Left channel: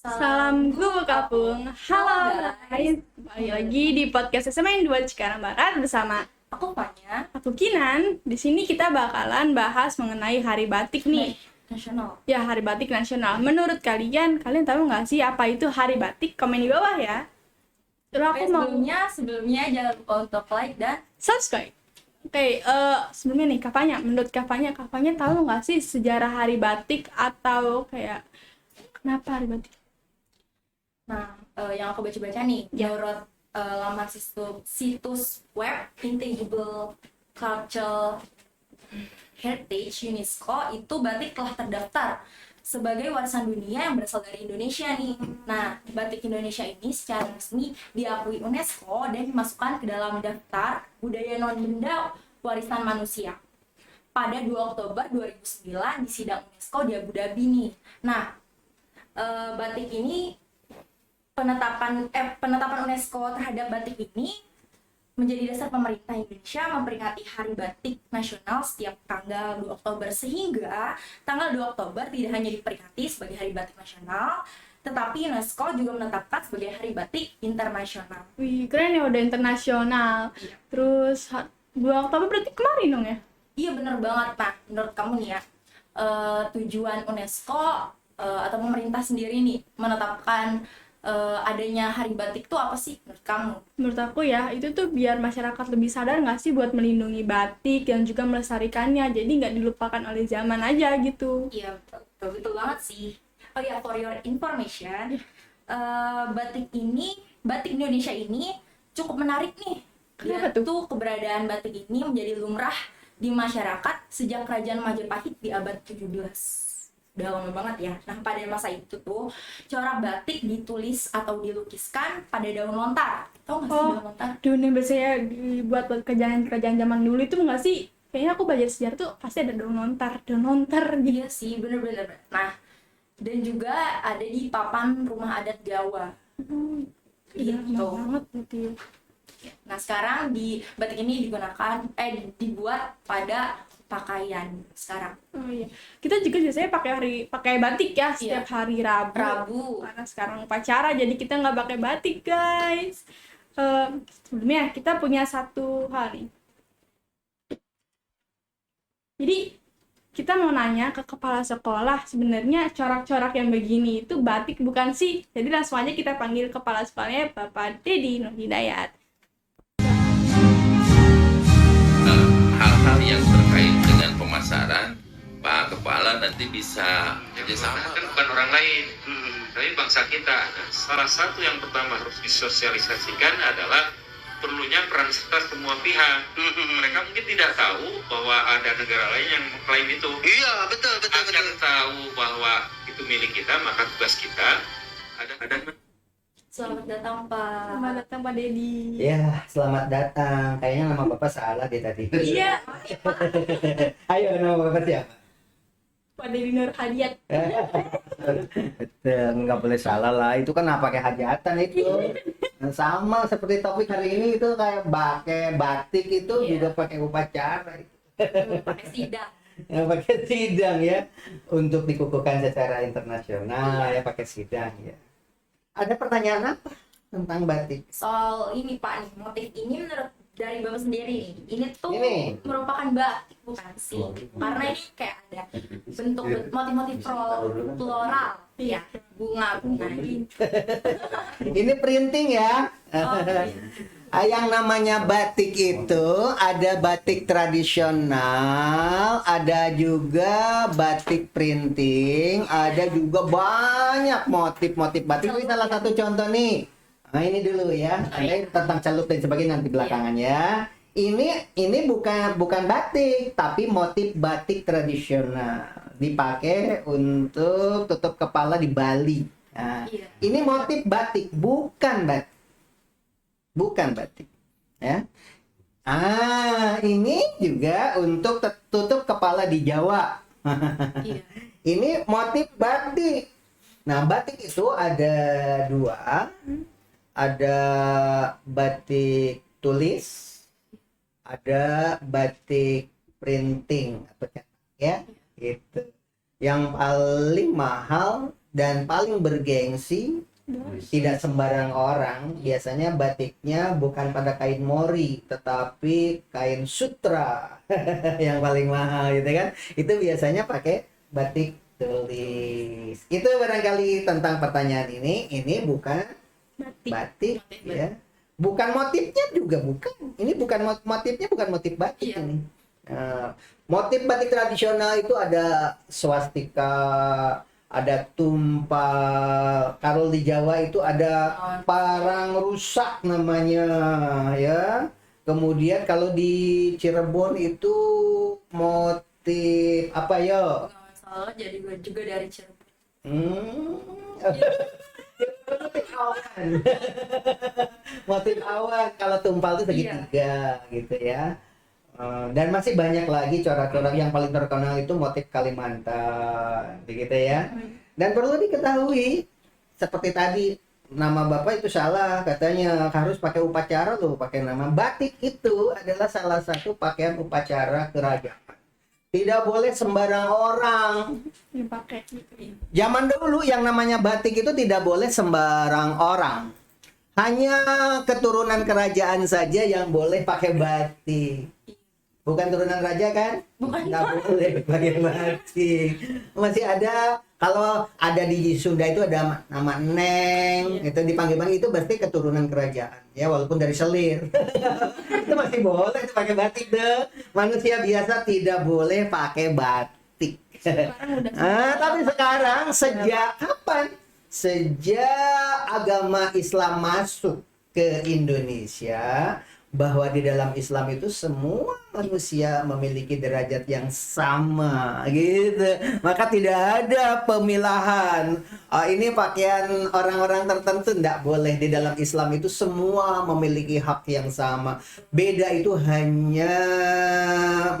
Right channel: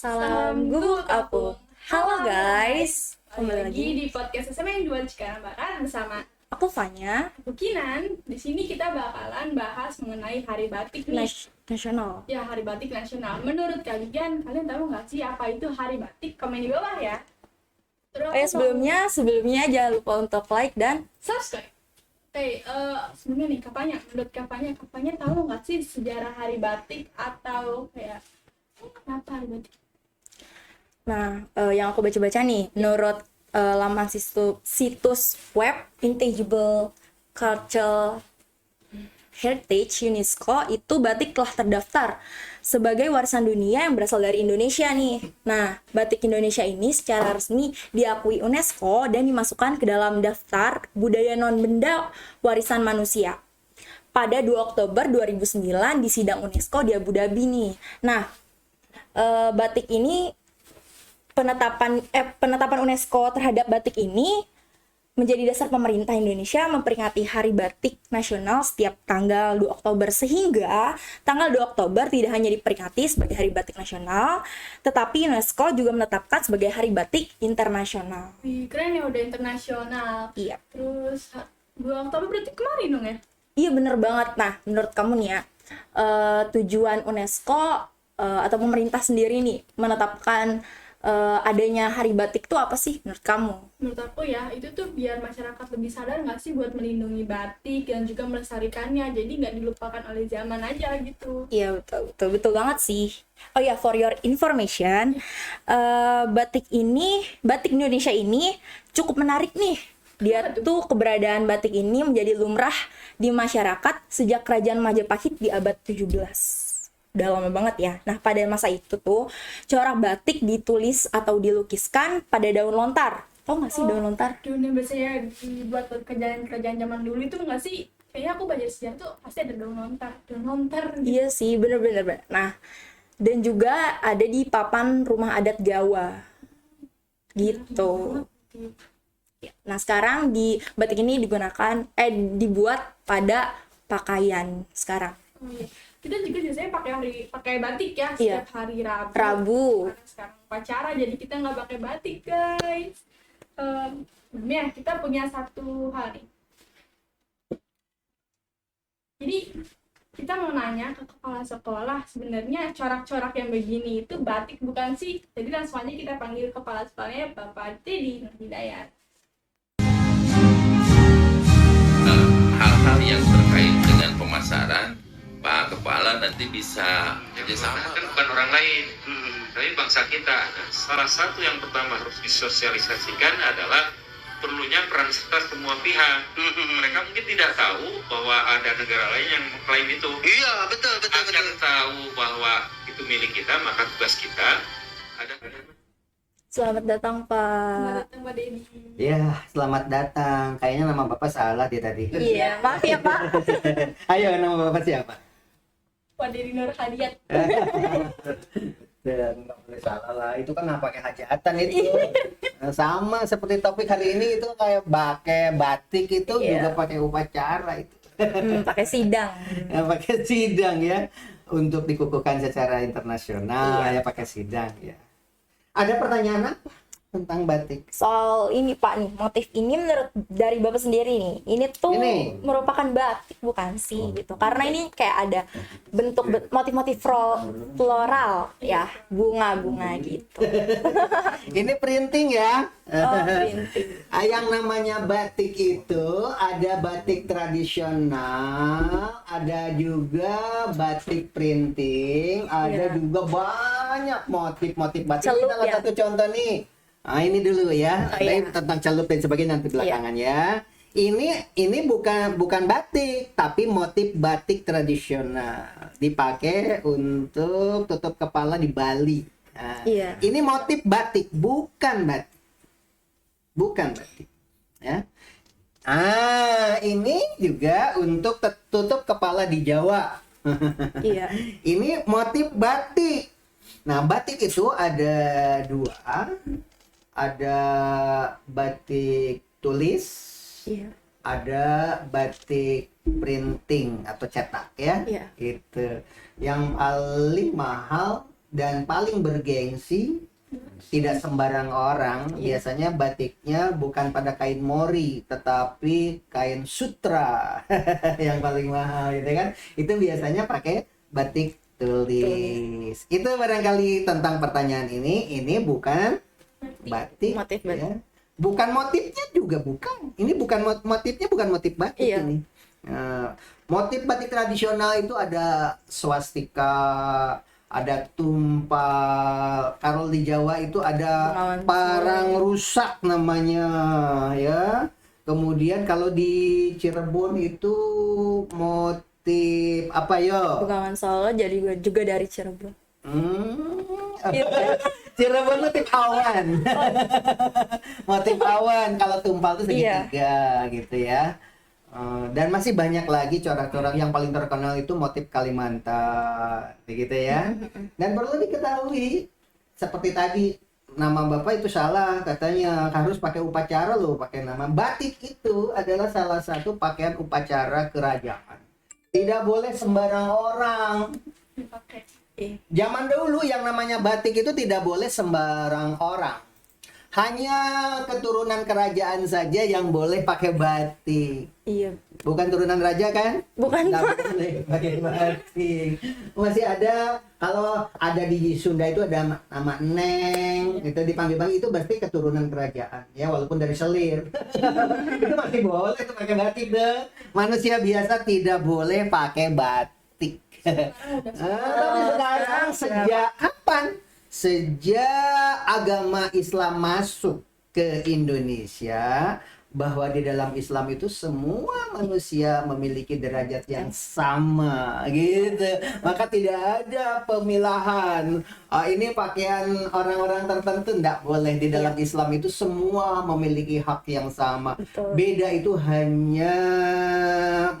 Salam Guru Kapung. Halo guys, kembali lagi di podcast SMA 2 Cikarang Barat bersama Aku Fanya. aku Kinan. Di sini kita bakalan bahas mengenai Hari Batik nih. Nasional. Ya, Hari Batik Nasional. Menurut kalian tahu nggak sih apa itu Hari Batik? Komen di bawah ya. Terus aku mau Sebelumnya jangan lupa untuk like dan subscribe. Oke, sebelumnya nih menurut Kafanya tahu nggak sih sejarah Hari Batik atau kayak kenapa Hari Batik? yang aku baca-baca nih, menurut laman situs web Intangible Cultural Heritage UNESCO, itu batik telah terdaftar sebagai warisan dunia yang berasal dari Indonesia nih. Nah, batik Indonesia ini secara resmi diakui UNESCO dan dimasukkan ke dalam daftar budaya non-benda warisan manusia pada 2 Oktober 2009 di sidang UNESCO di Abu Dhabi nih. Nah, batik ini penetapan UNESCO terhadap batik ini menjadi dasar pemerintah Indonesia memperingati Hari Batik Nasional setiap tanggal 2 Oktober, sehingga tanggal 2 Oktober tidak hanya diperingati sebagai Hari Batik Nasional, tetapi UNESCO juga menetapkan sebagai Hari Batik Internasional. Wih, keren ya, udah internasional. Iya. Terus 2 Oktober berarti kemarin dong ya? Iya, bener banget. Nah, menurut kamu nih ya, tujuan UNESCO atau pemerintah sendiri nih menetapkan adanya Hari Batik tuh apa sih menurut kamu? Menurut aku ya, itu tuh biar masyarakat lebih sadar nggak sih buat melindungi batik dan juga melestarikannya, jadi nggak dilupakan oleh zaman aja gitu. Iya, betul banget sih. Oh ya, for your information, batik Indonesia ini cukup menarik nih. Dia Kenapa tuh? tuh keberadaan batik ini menjadi lumrah di masyarakat sejak Kerajaan Majapahit di abad 17. Udah lama banget ya. Nah, pada masa itu tuh corak batik ditulis atau dilukiskan pada daun lontar. Tahu nggak sih daun lontar? Dunia biasanya dibuat buat kerajaan zaman dulu itu nggak sih? Kayaknya aku belajar sejarah tuh pasti ada daun lontar gitu. Iya sih, bener. Nah, dan juga ada di papan rumah adat Jawa. Gitu. Banget gitu. Nah, sekarang di batik ini dibuat pada pakaian sekarang. Oh iya, kita juga biasanya pakai batik ya setiap hari Rabu. Karena sekarang upacara, jadi kita nggak pakai batik guys. Sebelumnya kita punya satu hal nih. Jadi kita mau nanya ke kepala sekolah, sebenarnya corak-corak yang begini itu batik bukan sih? Jadi langsung aja kita panggil kepala sekolahnya, Bapak Dedi Nur Hidayat. Hal-hal yang terkait dengan pemasaran, Pak Kepala nanti bisa kerjasama. Kan bukan orang lain, tapi bangsa kita. Salah satu yang pertama harus disosialisasikan adalah perlunya peran serta semua pihak. Mereka mungkin tidak tahu bahwa ada negara lain yang mengklaim itu. Iya, betul. Akan tahu bahwa itu milik kita, maka tugas kita ada. Selamat datang, Pak. Selamat datang Pak Dedi. Ya, selamat datang. Kayaknya nama Bapak salah dia tadi. Iya, maaf ya, Pak. Ayo, nama Bapak siapa? Pak Dedi Nur Hidayat. Betul, nggak boleh salah lah. Itu kan pakai hajatan itu. Sama seperti topik hari ini itu kayak pakai batik itu juga pakai upacara itu. Pakai sidang. Pakai sidang ya. Untuk dikukuhkan secara internasional ya pakai sidang ya. Ada pertanyaan apa tentang batik? Soal ini, Pak nih, motif ini menurut dari Bapak sendiri nih, ini tuh merupakan batik bukan sih gitu. Karena ini kayak ada bentuk motif-motif floral ya, bunga-bunga gitu. Ini printing ya. Printing. Yang namanya batik itu ada batik tradisional, ada juga batik printing, ada juga banyak motif-motif batik. Ini salah satu contoh nih. Nah, ini dulu ya. Ini tentang celup dan sebagainya nanti belakangan ya. Ini bukan batik, tapi motif batik tradisional. Dipakai untuk tutup kepala di Bali. Nah, ini motif batik, bukan batik. Ya. Ini juga untuk tutup kepala di Jawa. Ini motif batik. Nah, batik itu ada dua. Ada batik tulis, ada batik printing atau cetak ya. Gitu. Yang paling mahal dan paling bergengsi, tidak sembarang orang. Biasanya batiknya bukan pada kain mori, tetapi kain sutra yang paling mahal gitu kan. Itu biasanya pakai batik tulis. Itu barangkali tentang pertanyaan ini. Ini bukan batik, Motif ya. Bukan motifnya juga bukan. Ini bukan motifnya, bukan motif batik ini. Motif batik tradisional itu ada swastika, ada tumpal. Kalau di Jawa itu ada parang rusak namanya, ya. Kemudian kalau di Cirebon itu motif apa yo? Bengawan Solo jadi juga dari Cirebon. Cirebon motif awan. Motif awan. Kalau tumpal itu segitiga gitu ya. Dan masih banyak lagi corak-corak. Yang paling terkenal itu motif Kalimantan, begitu ya. Dan perlu diketahui, seperti tadi nama Bapak itu salah, katanya harus pakai upacara loh, pakai nama. Batik itu adalah salah satu pakaian upacara kerajaan. Tidak boleh sembarang orang dipakai. Zaman dulu yang namanya batik itu tidak boleh sembarang orang. Hanya keturunan kerajaan saja yang boleh pakai batik. Iya. Bukan turunan raja kan? Bukan. Nggak boleh pakai batik. Masih ada, kalau ada di Sunda itu ada nama Neng, itu dipanggil-panggil, itu pasti keturunan kerajaan. Ya walaupun dari selir. Itu masih boleh itu pakai batik deh. Manusia biasa tidak boleh pakai batik. Tapi sekarang sejak kapan? Sejak agama Islam masuk ke Indonesia, bahwa di dalam Islam itu semua manusia memiliki derajat yang sama gitu. Maka tidak ada pemilahan. Ini pakaian orang-orang tertentu, tidak boleh. Di dalam Islam itu semua memiliki hak yang sama. Betul. Beda itu hanya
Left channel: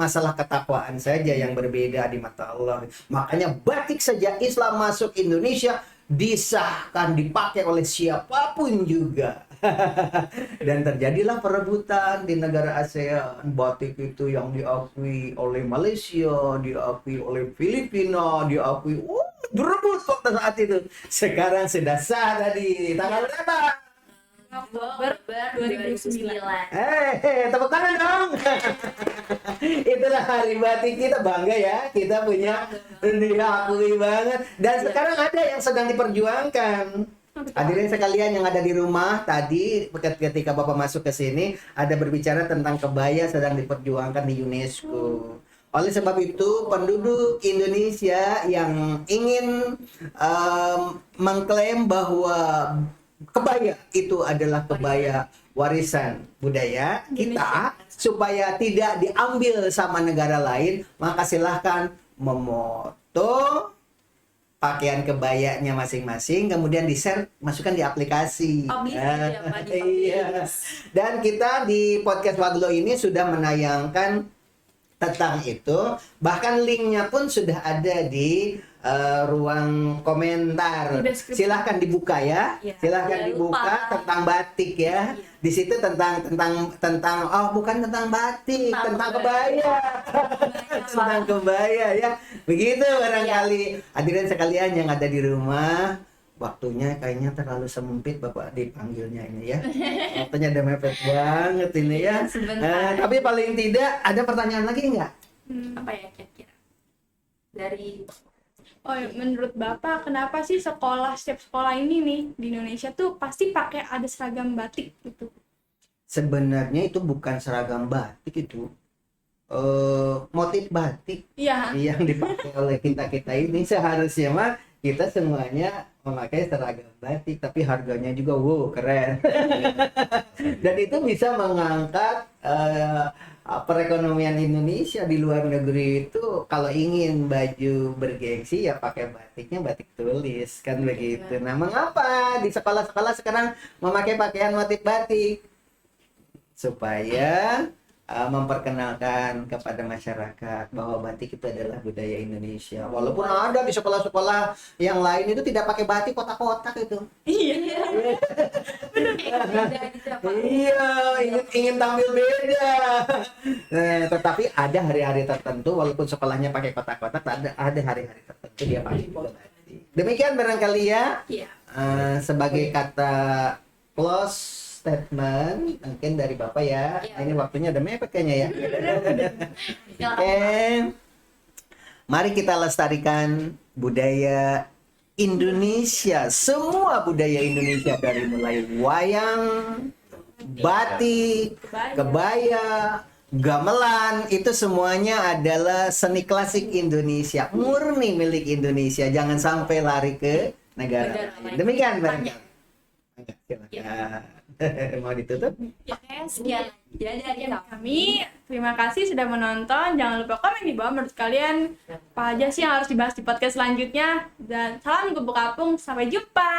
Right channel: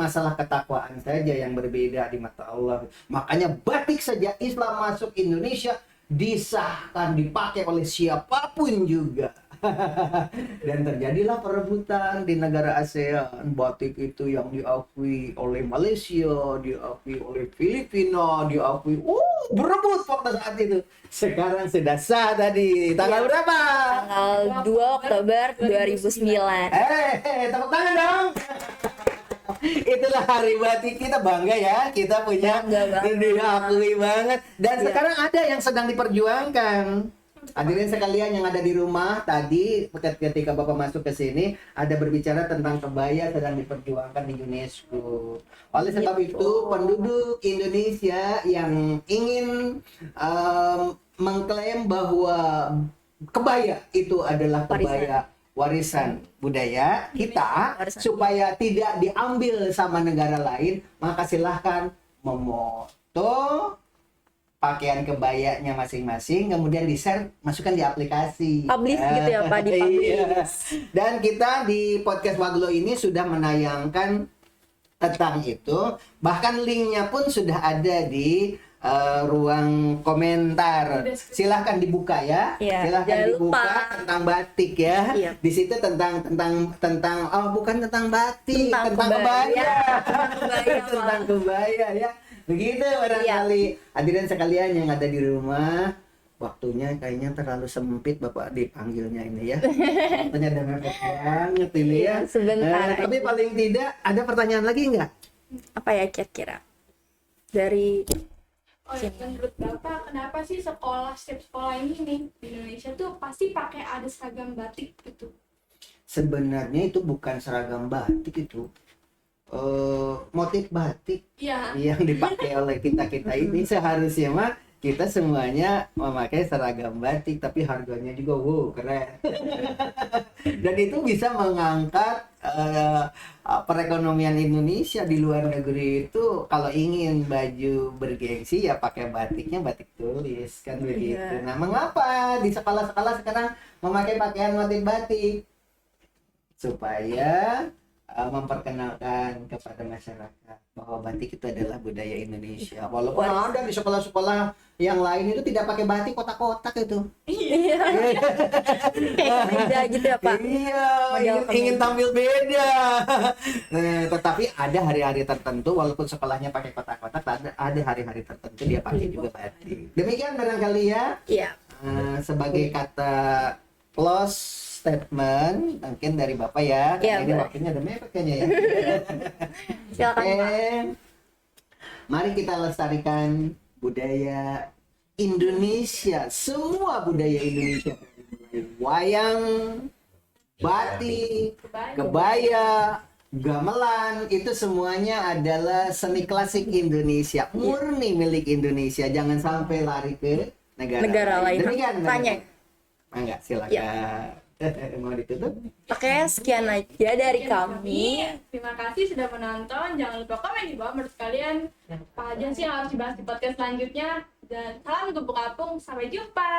masalah ketakwaan saja yang berbeda di mata Allah. Makanya batik sejak Islam masuk Indonesia disahkan dipakai oleh siapapun juga. Dan terjadilah perebutan di negara ASEAN. Batik itu yang diakui oleh Malaysia, diakui oleh Filipina, diakui berebut waktu saat itu. Sekarang sudah sah tadi. Tanggal berapa? Tanggal 2 Oktober 2009. Tepuk tangan dong. Itulah hari batik, kita bangga ya, kita punya, diakui banget. Dan sekarang ada yang sedang diperjuangkan. Hadirin sekalian yang ada di rumah, tadi ketika Bapak masuk ke sini ada berbicara tentang kebaya sedang diperjuangkan di UNESCO. Oleh sebab itu, penduduk Indonesia yang ingin mengklaim bahwa kebaya itu adalah kebaya warisan budaya kita, supaya tidak diambil sama negara lain, maka silahkan memoto pakaian kebayanya masing-masing, kemudian di-share, masukkan di aplikasi. Publish gitu ya Pak, di-publish. Iya. Dan kita di podcast Waglo ini sudah menayangkan tentang itu, bahkan linknya pun sudah ada di ruang komentar. Silahkan dibuka ya. Silahkan dibuka tentang batik ya. Di situ tentang bukan tentang batik, tentang kebaya. Tentang kebaya ya. Begitu barangkali hadirin sekalian yang ada di rumah. Waktunya kayaknya terlalu sempit Bapak dipanggilnya ini ya. Waktunya udah mepet banget ini ya. Tapi paling tidak ada pertanyaan lagi nggak? Apa ya kira-kira? Dari menurut Bapak kenapa sih setiap sekolah ini nih di Indonesia tuh pasti pakai ada seragam batik gitu? Sebenarnya itu bukan seragam batik, itu motif batik yang dipakai oleh kita ini. Seharusnya mah kita semuanya memakai seragam batik, tapi harganya juga keren. Dan itu bisa mengangkat perekonomian Indonesia di luar negeri. Itu kalau ingin baju bergengsi ya pakai batiknya batik tulis kan begitu. Nah, mengapa di sekolah-sekolah sekarang memakai pakaian motif batik? Supaya memperkenalkan kepada masyarakat bahwa batik itu adalah budaya Indonesia. Walaupun ada di sekolah-sekolah yang lain itu tidak pakai batik, kotak-kotak itu. Iya. Kayak beda gitu ya Pak. Iya, ingin tampil beda. Tetapi ada hari-hari tertentu, walaupun sekolahnya pakai kotak-kotak, ada hari-hari tertentu dia pakai juga batik. Demikian barangkali ya. Iya. Sebagai kata close statement mungkin dari Bapak ya. Iya, Ini boleh. waktunya udah mepet kayaknya ya. Silakan, Oke. Pak. Mari kita lestarikan budaya Indonesia. Semua budaya Indonesia dari mulai wayang, batik, kebaya, gamelan, itu semuanya adalah seni klasik Indonesia, murni milik Indonesia. Jangan sampai lari ke negara Lain. Demikian, Mbak. Tanya. Enggak, silakan. Ya. Mau ditutup? Oke, sekian aja dari kami. Terima kasih sudah menonton. Jangan lupa komen di bawah menurut kalian apa aja sih yang harus dibahas di podcast selanjutnya. Dan salam kupu kapung, sampai jumpa.